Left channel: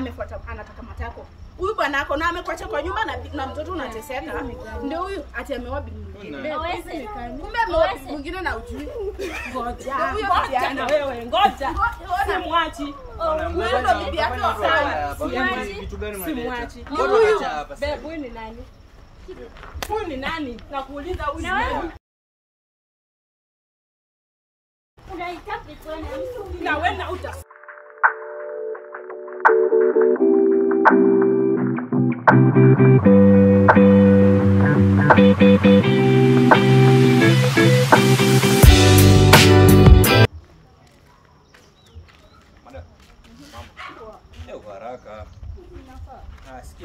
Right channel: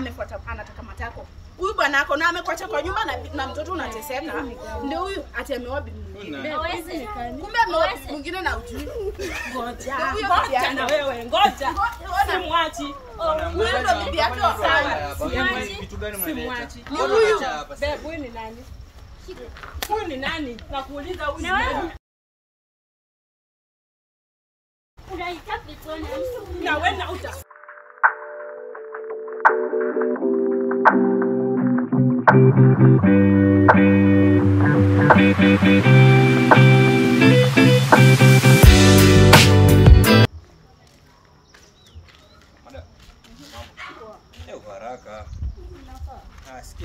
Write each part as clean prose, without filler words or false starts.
amefuata anataka matako. Huyu bwana yako na amekuacha kwa nyumba na mtoto unateseka. Ndio huyu ati ameoa bibi mwingine. Kumbe ameoa bibi mwingine na ujui. Ngoja na wewe, ngoja. Simwachi. Huyu ndo bibi yake wa sana. Simwachi. Ni huyu. Babe, huyu ni nani? Huyu ni nani? Nakuuliza huyu ni nani? Unaitaka tuone mtu. Na wewe na uta. Haraka.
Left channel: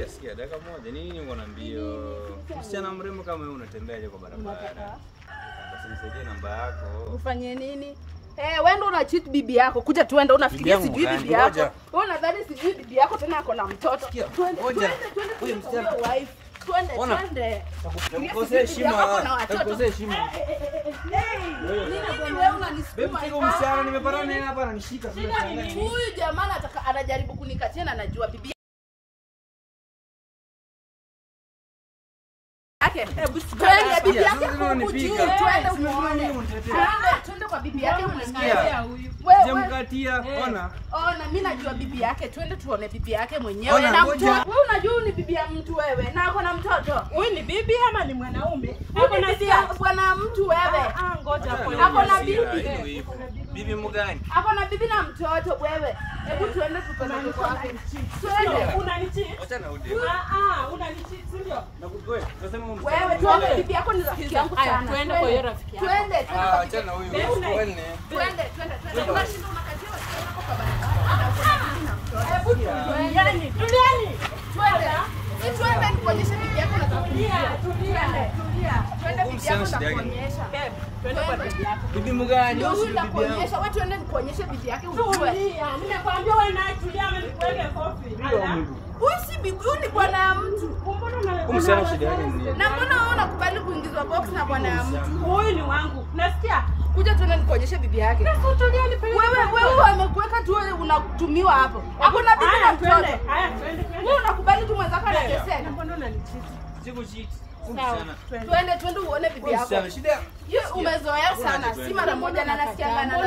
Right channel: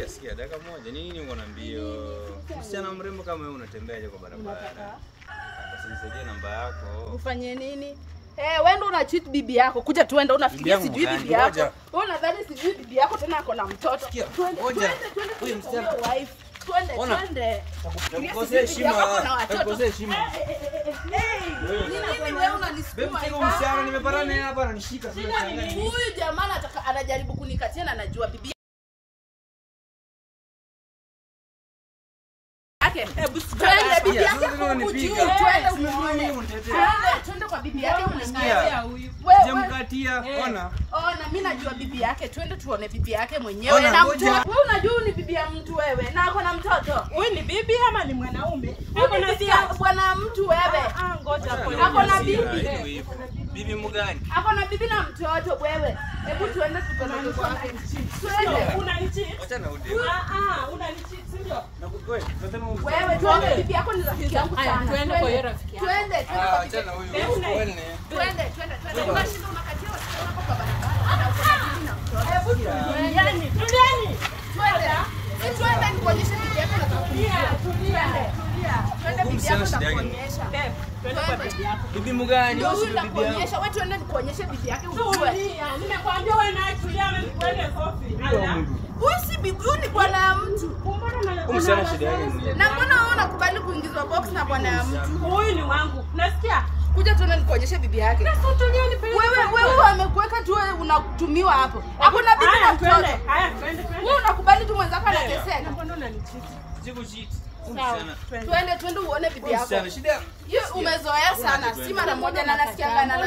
Sikia dakika moja. Nini uko na mbio? Msichana mrembo kama wewe unatembeaje kwa barabara? Basi nisaidie namba yako. Ufanye nini? Wewe ndo una cheat bibi yako. Kuja tuende unafikiria sijui bibi yako. Wewe unadhani sijui bibi yako tena ako na mtoto. Ngoja. Huyu msichana wife. Twende. Takukosea heshima. Takukosea heshima. Wewe unanisukuma. Babe, huyu msichana nimeparana naye hapa ananishika sasa. Huyu jamaa anajaribu kunikatia na anajua bibi yake. Twende bibi yake kumjua. Twende kwa bibi yake mwenyewe. Wewe mkatia. Ona mimi najua bibi yake. Twende tuone bibi yake mwenyewe na mtoto. Wewe unajua ni bibi ya mtu wewe na ako na mtoto. Huyu ni bibi ama ni mwanaume? Ako na bwana mtu wewe. Ngoja ako na bibi. Bibi mgani? Ako na bibi na mtoto wewe. Hebu tuende tukone kwake. Twende. Unanicheat. Acha na ude. Unanicheat ndio. Wewe tunasema wewe tuone bibi yako ni rafiki yangu sana. Twende kwa hiyo rafiki yako. Twende. Acha na huyu. Twende. Unashinda unakatia wasichana kwa barabara na uko na bibi na mtoto. Hebu tulieni. Twende. Si twende nikuonyeshe bibi yako na tulia. Twende bibi yako na kuonyesha. Twende kwa bibi yako. Bibi mgani? Ndio huyu nakuonyesha. Wewe twende nikuonyeshe bibi yake ujue. Nimekwambia wewe na tulia ama nikuweke kofi. Huyu si bibi, huyu ni bwana ya mtu. Mbona shida yake ni? Na mbona wewe unakubali kuingizwa box na bwana ya mtu? Huyu ni wangu. Nasikia? Kuja tuende nikuonyeshe bibi yake. Sasa tulia nipeleke. Wewe amekuweka tu wewe unatumiwa hapo. Hakuna bibi na mtoto. Haya, twende. Wewe unakubali tu mwenzako anateseka. Na mbona unanicheat? Sikucheat. Twende uone bibi yako. Shida. Yeye umezoea sana. Si mara moja na nasikia bana.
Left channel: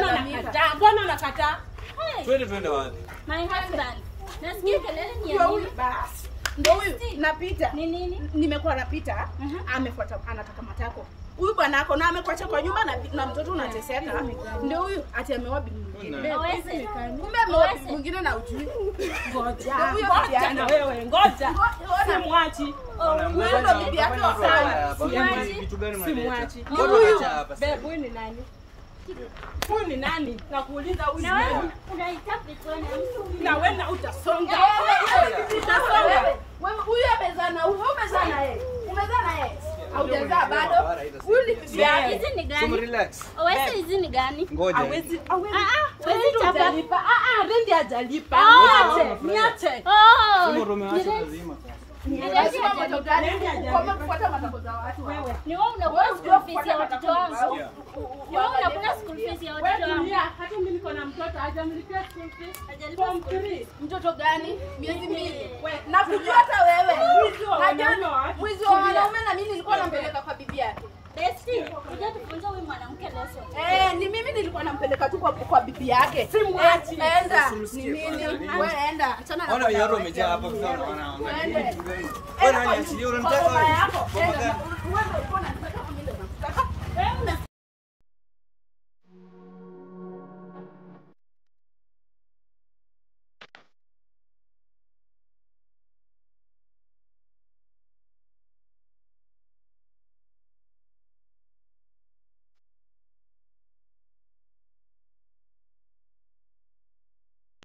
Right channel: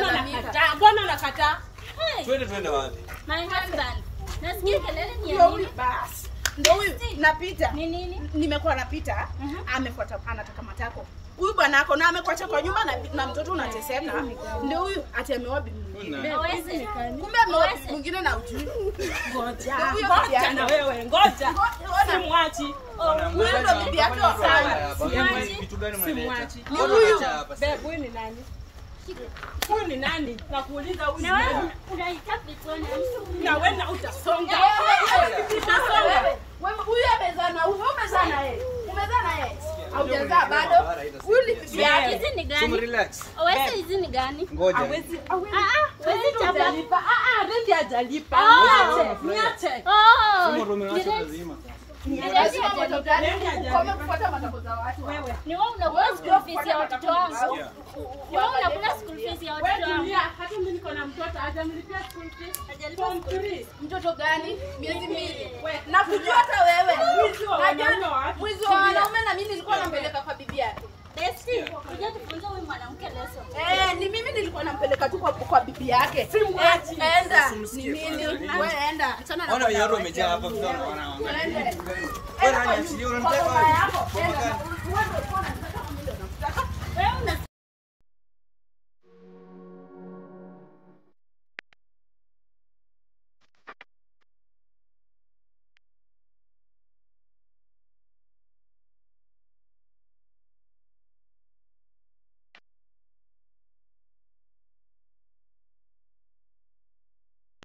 Mbona unakataa? Twende wapi? Nasikia kelele ni ya nini? Basi. Ndio huyu napita. Ni nini? Nimekuwa napita. Amefuata anataka matako. Huyu bwana yako na amekuacha kwa nyumba na mtoto unateseka. Ndio huyu ati ameoa bibi mwingine. Kumbe ameoa bibi mwingine na ujui. Ngoja na wewe, ngoja. Simwachi. Huyu ndo bibi yake wa sana. Simwachi. Ni huyu. Babe, huyu ni nani? Huyu ni nani? Nakuuliza huyu ni nani? Unaitaka tuone mtu. Na wewe na utasonga. Wewe huyu amezaa na huyu umezaa na yeye. Umezaa na yeye. Haujazaa bado. Huyu ni bibi yake. Hizi ni gani? Relax. Wewe hizi ni gani? Ngoja. Hawezi hajalipa. Rendi hajalipa. Niache. Kama kufuata matako za watu wewe. Ni wewe unakula school fees ya watoto wangu. Ni wewe unakula school fees ya watoto wangu. Hata mimi niko na mtoto hajamlipia school fees. Hajalipa school fees. Mtoto gani? Miezi miwili. Na kujua hata wewe. Mwizi wa wanaume na mimi nilikuwa nampeleka kwa bibi yake. Besti, kuja tufunze huyu mwanamke lesson. Ni mimi nilikuwa nampeleka tu kwa bibi yake. Simwachi. Enda. Ni mimi. Wewe enda. Achana na. Ona wenyewe wamejaa hapa kwa. Ende. Wewe unaniachilia unamtaka. Enda.